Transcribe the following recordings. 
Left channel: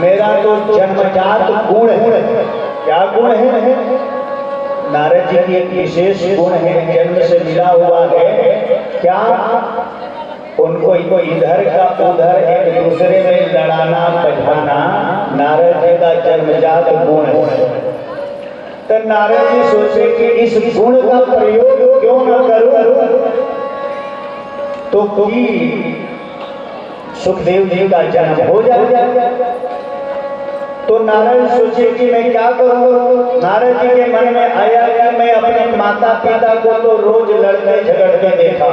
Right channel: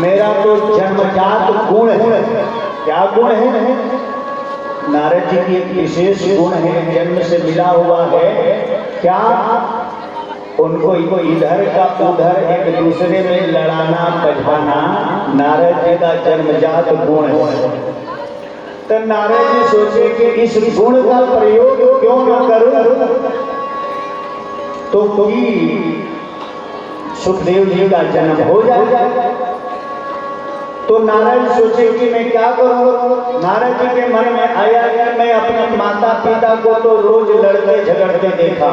मेरा तो जन्मजात गुण है। क्या गुण है? नारद जी की एक विशेष गुण है, जन्म से मिला हुआ है। क्या? उनको इधर का उधर एक दूसरे में लड़ाना बझाना नारद जी का जन्मजात गुण है। तो नारद जी सोचे कि इस गुण का प्रयोग क्यों न करूं, तो कोई सुखदेव जी का जन्म हो जाएगा। तो नारद सोचे कि मैं क्या करूं। नारद जी के मन में आया कि मैं अपने माता पिता को तो रोज लड़ते झगड़ते देखा,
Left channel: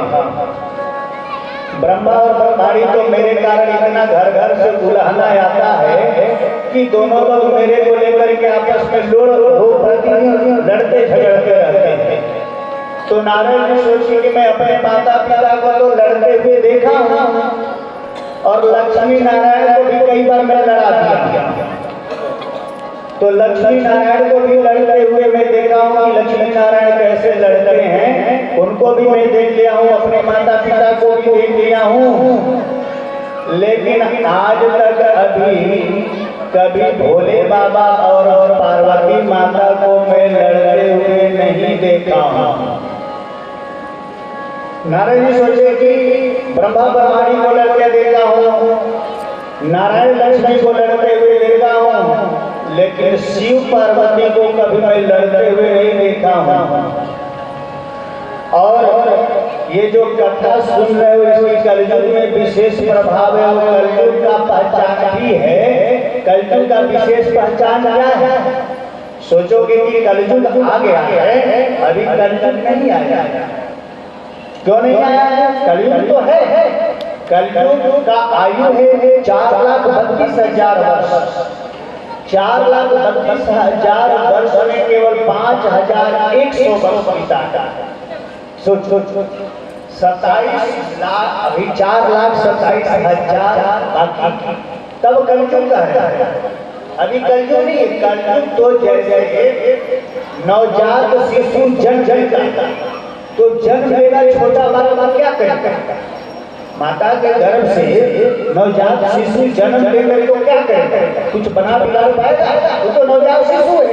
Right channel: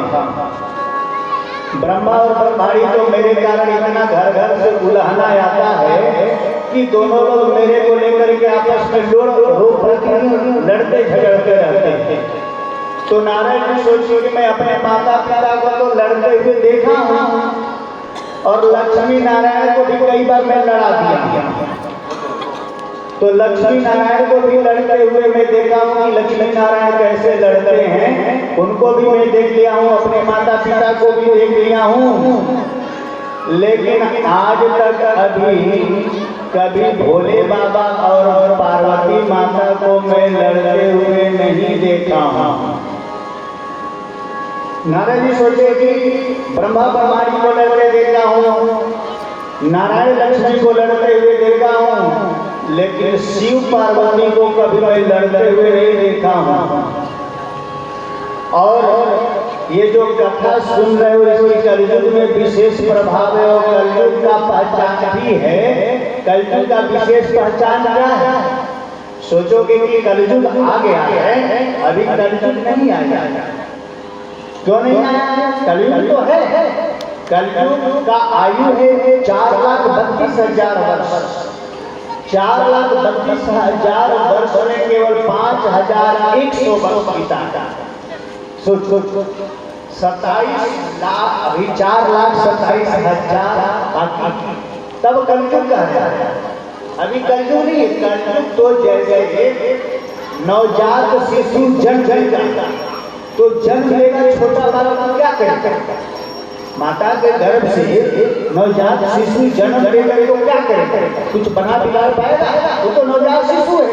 ब्रह्मा और ब्रह्माणी तो मेरे कारण इतना घर घर से बुलाना आता है कि दोनों लोग मेरे को लेकर के आपस में लड़ते झगड़ते रहते हैं। तो नारायण ने सोची कि मैं अपने माता पिता को तो लड़ते हुए देखा हूं और लक्ष्मी नारायण को भी कई बार मैं लड़ा दिया। तो लक्ष्मी नारायण को भी लड़ते हुए मैं देखा हूं कि लक्ष्मी नारायण कैसे लड़ते हैं, उनको भी मैं देख लिया हूं, अपने माता पिता को भी देख लिया हूं। लेकिन आज तक कभी भोले बाबा और पार्वती माता को मैं लड़ते हुए नहीं देखा हूं। नारायण जी सोचे कि ब्रह्मा ब्रह्माणी को लड़ते देखा हूं, नारायण लक्ष्मी को लड़ते हुए देखा हूं, लेकिन शिव पार्वती को कभी मैं लड़ते हुए नहीं देखा हूं। और ये जो कथा सुन रहे हो इसमें कलयुग में विशेष प्रभाव है और कलयुग का पहचान भी है। कलयुग का विशेष पहचान क्या है? सोचोगे कि कलयुग आ गया है, अभी कलयुग नहीं आया। क्यों नहीं आया है? कलयुग तो है। कलयुग का आयु है 4,32,000 वर्ष। 4,32,000 वर्ष में केवल 5,100 वर्ष बीता। सोच 27 लाख, अभी 4,27,000 तब कलयुग का है। अभी कलयुग नहीं, कलयुग तो जैसे नवजात शिशु जन्म लेगा तो जन्म लेगा छोटा बालक क्या करेगा? माता के गर्भ से नवजात शिशु जन्म लेकर को क्या करेगा? कुछ बना बिगाड़ पाएगा? वो तो नवजात शिशु है।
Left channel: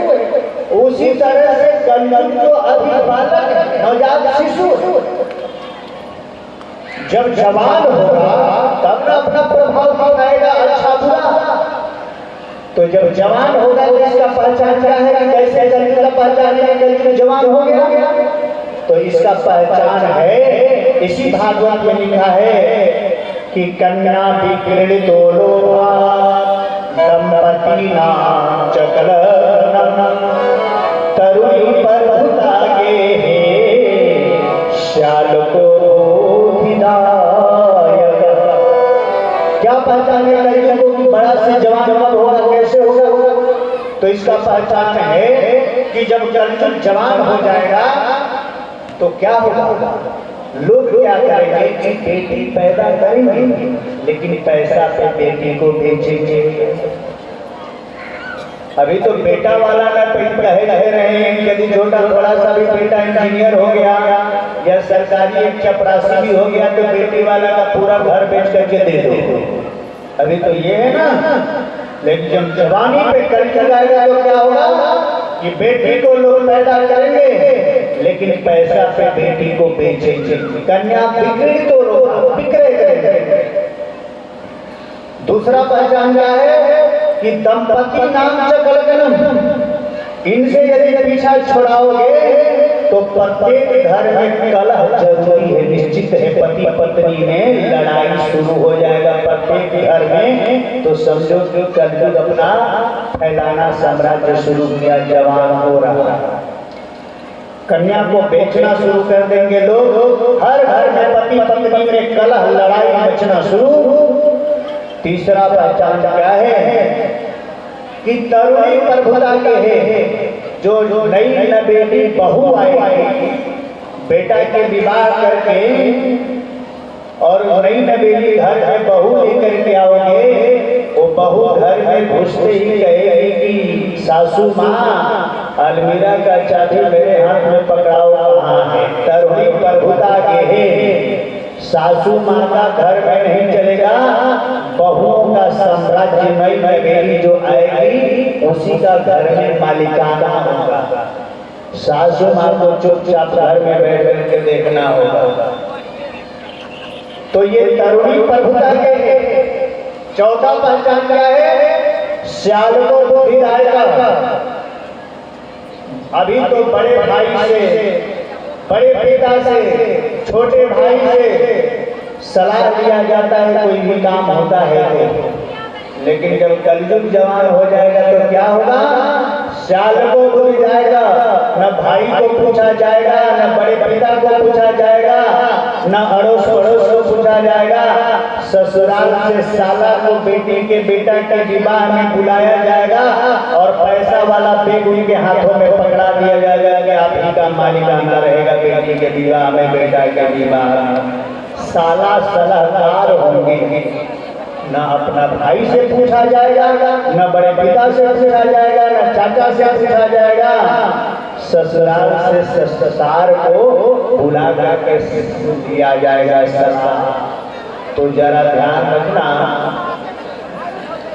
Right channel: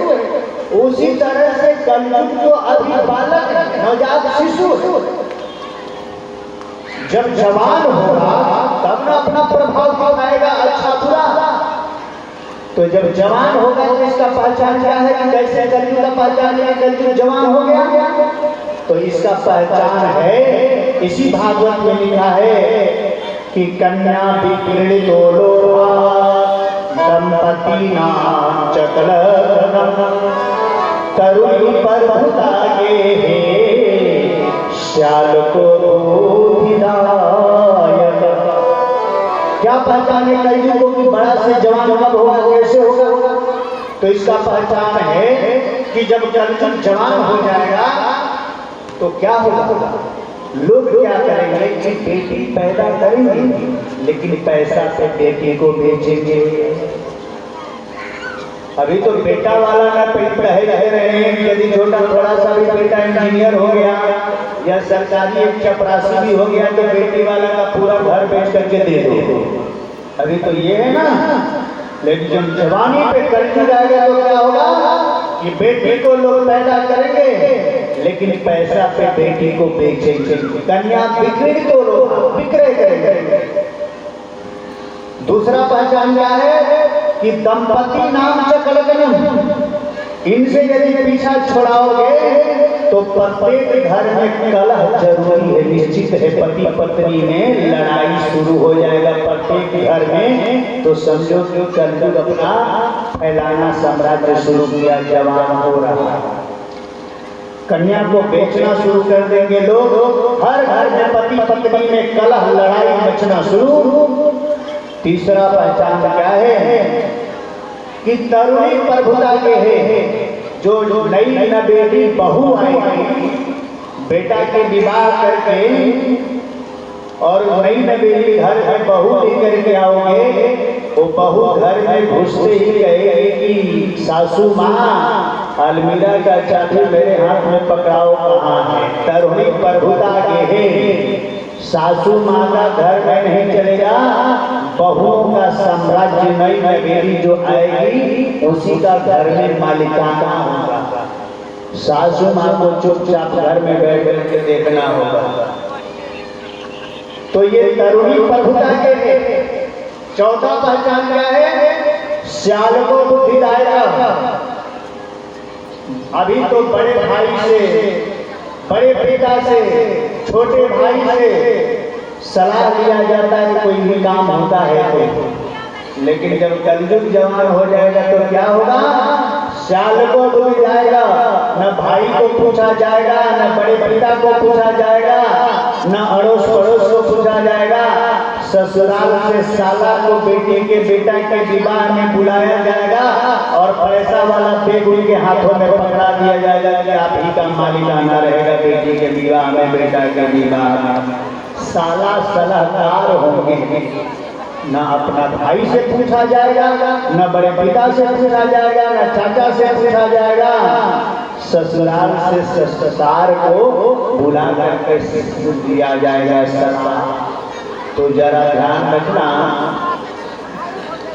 उसी तरह से कलयुग तो अभी बालक नवजात शिशु, जब जवान होगा तब ना अपना प्रभाव दिखाएगा अच्छा बुरा। तो जब जवान होगा तो इसका पहचान क्या है कि कैसे कलयुग का पहचान है? कलयुग जवान हो गया तो इसका पहचान है, इसी भागवत में लिखा है कि कन्या विक्रीडितो दंपति नाम चकलनम तरुणी पर्वतागे श्यालको बोधिदायक। क्या पहचान है कलयुग को कि बड़ा से जवान कब होगा, कैसे होगा? तो इसका पहचान है कि जब कलयुग जवान हो जाएगा तो क्या होगा? लोग क्या करेंगे कि बेटी पैदा करेंगे लेकिन पैसा पे बेटी को बेचेंगे। अभी तो बेटा वाला ना रहे हैं, यदि छोटा बड़ा सा भी बेटा इंजीनियर हो गया या सरकारी एक चपरासी भी हो गया तो बेटी वाला का पूरा घर बेच करके दे दो। अभी तो ये है ना। लेकिन जब जवानी पे कलयुग आएगा तो क्या होगा कि बेटी को लोग पैदा करेंगे लेकिन पैसा पे बेटी को बेचेंगे। कन्या बिक्री तो लोग बिक्रे करेंगे। दूसरा पहचान क्या है कि दंपति नाम चकलगनम, इनसे यदि पीछा छुड़ाओगे तो प्रत्येक घर में कलह जरूरी है, निश्चित है। पति पत्नी में लड़ाई शुरू हो जाएगा प्रत्येक घर में। तो समझो कि कलयुग अपना फैलाना साम्राज्य शुरू किया, जवान हो रहा। कन्या को बेचना शुरू कर देंगे लोग, हर घर में पति पत्नी में कलह लड़ाई मचना शुरू। तीसरा पहचान क्या है कि तरुणी प्रभुता के है, जो नई नवेली बहू आएगी, बेटा के विवाह करके और नई नवेली घर में बहू लेकर के आओगे, वो बहू घर में घुसते ही कहेगी कि सासू माँ अलमीरा का चाबी मेरे हाथ में पकड़ाओ, कहाँ है? तरुणी प्रभुता के है, सासू माँ का घर में नहीं चलेगा, बहुओं का साम्राज्य नई नवेली जो आएगी उसी का घर में मालिकाना होगा। सासू माँ को चुपचाप घर में बैठ बैठ के देखना होगा। तो ये तरुणी प्रभुता के 14 पहचान क्या है? श्याल को बुद्धिदायक। अभी तो बड़े भाई से, बड़े पिता से, छोटे भाई से सलाह लिया जाता है, कोई भी काम होता है तो। लेकिन जब कलयुग जवान हो जाएगा तो क्या होगा? श्याल को बुद्धि जाएगा, न भाई को पूछा जाएगा, न बड़े पिता को पूछा जाएगा, न अड़ोस पड़ोस को पूछा जाएगा। ससुराल से साला को बेटे के बेटा के विवाह में बुलाया जाएगा और पैसा वाला बैग उनके हाथों में पकड़ा दिया जाएगा कि आप ही का मालिकाना रहेगा बेटी के विवाह में, बेटा के विवाह में। साला सलाहकार होंगे, न अपना भाई से पूछा जाएगा, न बड़े पिता से पूछा जाएगा, न चाचा से पूछा जाएगा। ससुराल से ससुराल को बुला करके दिया जाएगा सलाह। तो जरा ध्यान रखना,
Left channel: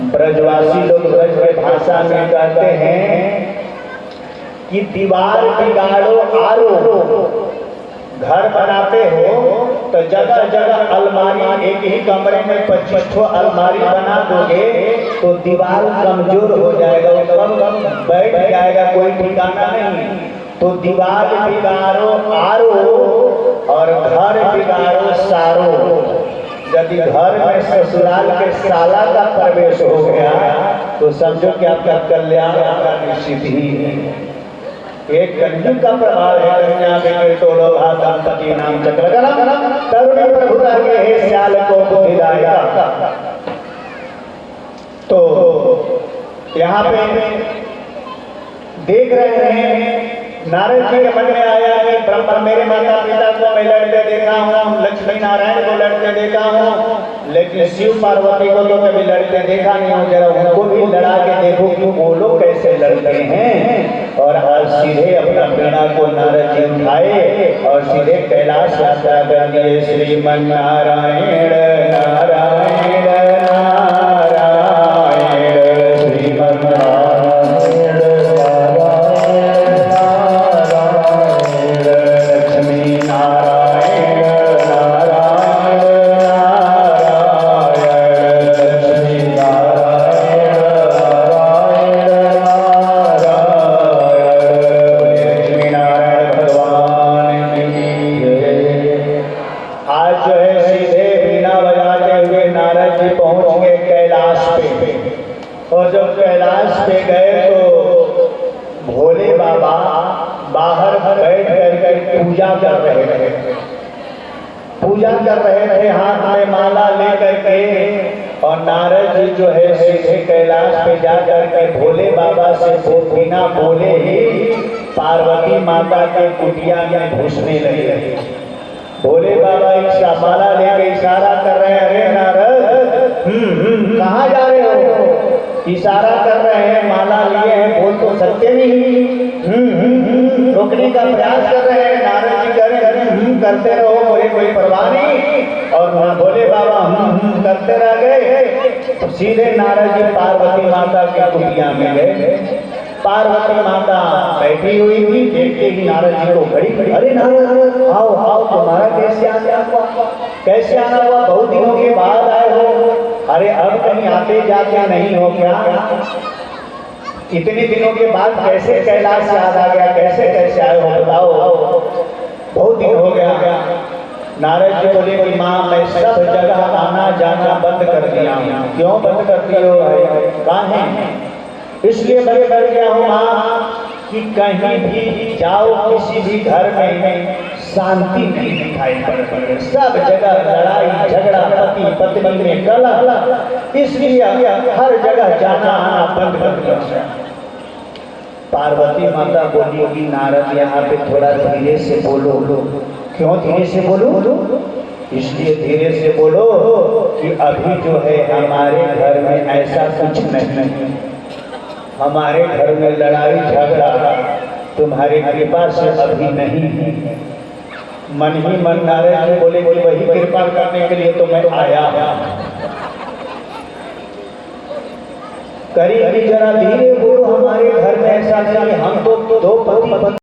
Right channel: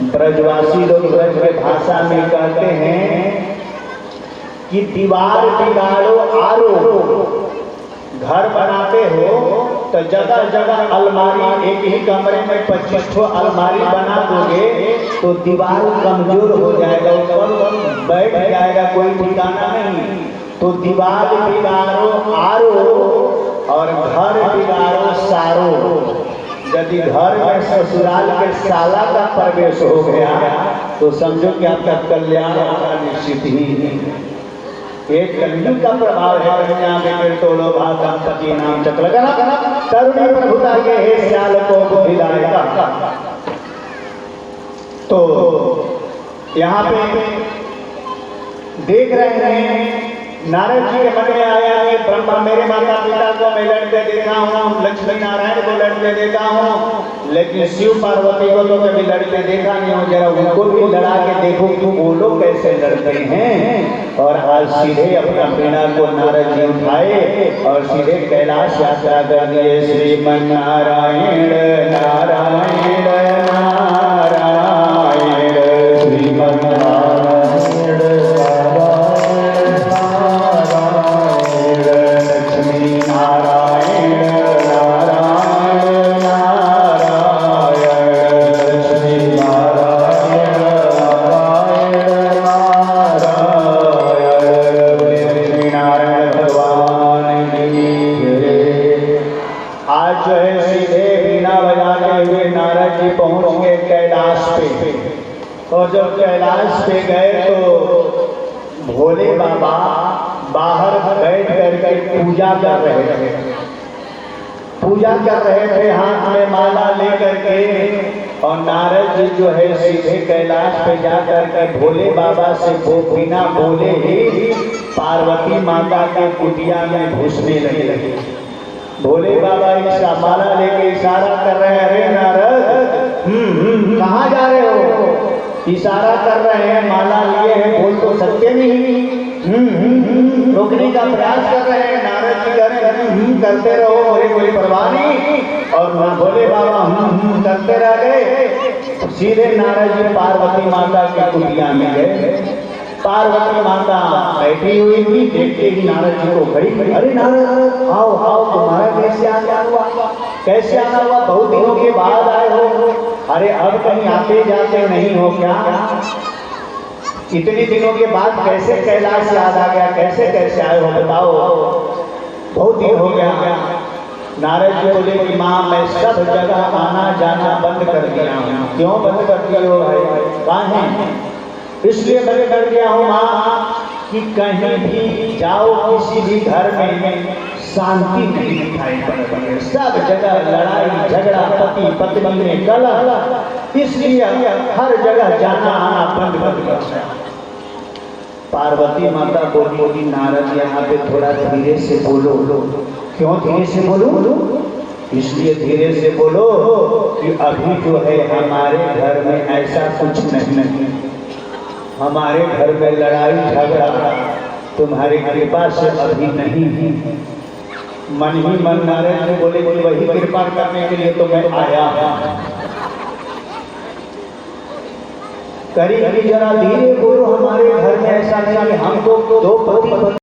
ब्रजवासी लोग ब्रज के भाषा में कहते हैं कि दीवार बिगाड़ो आरो। घर बनाते हो तो जगह जगह अलमारी, एक ही कमरे में 25 अलमारी बना दोगे तो दीवार कमजोर हो जाएगा, ऊपर बैठ जाएगा, कोई ठिकाना नहीं। तो दीवार बिगाड़ो आरो और घर बिगाड़ो सारो। यदि घर में ससुराल के साला का प्रवेश हो गया तो समझो कि आपका कल्याण का निश्चित ही है। एक कलयुग का प्रभाव है। कन्या में तोड़ो दंपति नाम चक्र तरुणी प्रभुता के हे श्याल को बुद्धिदायका। तो यहाँ पे देख रहे हैं नारद जी के मन में आया कि ब्रह्मा मेरे माता पिता को मैं लड़ते देखा हूँ, लक्ष्मी नारायण को लड़ते देखा हूँ, लेकिन शिव पार्वती को तो कभी लड़ते देखा नहीं हूँ। जरा उनको भी लड़ा के देखो कि वो लोग कैसे लड़ते हैं। और आज सीधे अपना वीणा को नारद जी उठाए और सीधे कैलाश यात्रा कर दिए। श्रीमन नारायण नारायण नारायण श्रीमन नारायण नारायण नारायण लक्ष्मी नारायण नारायण नारायण लक्ष्मी नारायण नारायण नारायण भगवान की। आज जो है सीधे वीणा बजाते हुए नारद जी पहुंच गए कैलाश पे। और जब कैलाश पे गए तो भोले बाबा बाहर बैठ करके पूजा कर रहे थे। पूजा कर रहे थे हाथ में माला लेकर के। और नारद जी जो है सीधे कैलाश पे जाकर के भोले बाबा से वो बिना बोले ही पार्वती माता के कुटिया में घुसने लगे। भोले बाबा माला लेके इशारा कर रहे हैं, अरे नारद कहाँ जा रहे हो? इशारा कर रहे हैं, माला लिए हैं, बोल तो सकते नहीं। रोकने का प्रयास कर रहे हैं। नारद जी कह रहे हैं करते रहो, मुझे कोई परवाह नहीं। और ना भोले बाबा करते रह गए। सीधे नारद जी पार्वती माता के कुटिया में गए। पार्वती माता बैठी हुई थी। देखते ही नारद जी को घड़ी घड़ी, अरे नारद आओ आओ, तुम्हारा कैसे आना हुआ? कैसे आना हुआ? बहुत दिनों के बाद आए हो। अरे अब कहीं आते जाते नहीं हो क्या? इतने दिनों के बाद कैसे कैलाश याद आ गया? कैसे कैसे आए हो बताओ? बहुत दिन हो गया। नारद जी बोले कि माँ मैं सब जगह आना जाना बंद कर दिया हूँ। क्यों बंद कर दिए हो? कहाँ है? इसलिए मैं डर गया हूँ माँ कि कहीं भी जाओ किसी भी घर में शांति नहीं दिखाई पड़ती है। सब जगह लड़ाई झगड़ा, पति पत्नी में कलह। इसलिए हर जगह जाना आना बंद कर दिया। पार्वती माता बोली कि नारद यहाँ पे थोड़ा धीरे से बोलो। क्यों धीरे से बोलो? इसलिए धीरे से बोलो कि अभी जो है हमारे घर में ऐसा कुछ नहीं। हमारे घर में लड़ाई झगड़ा तुम्हारी कृपा से अभी नहीं है। मन ही मन नारायण जी बोले कि वही कृपा करने के लिए तो मैं आया। करीब जरा धीरे बोलो, हमारे घर में ऐसा नहीं, हमको दो पति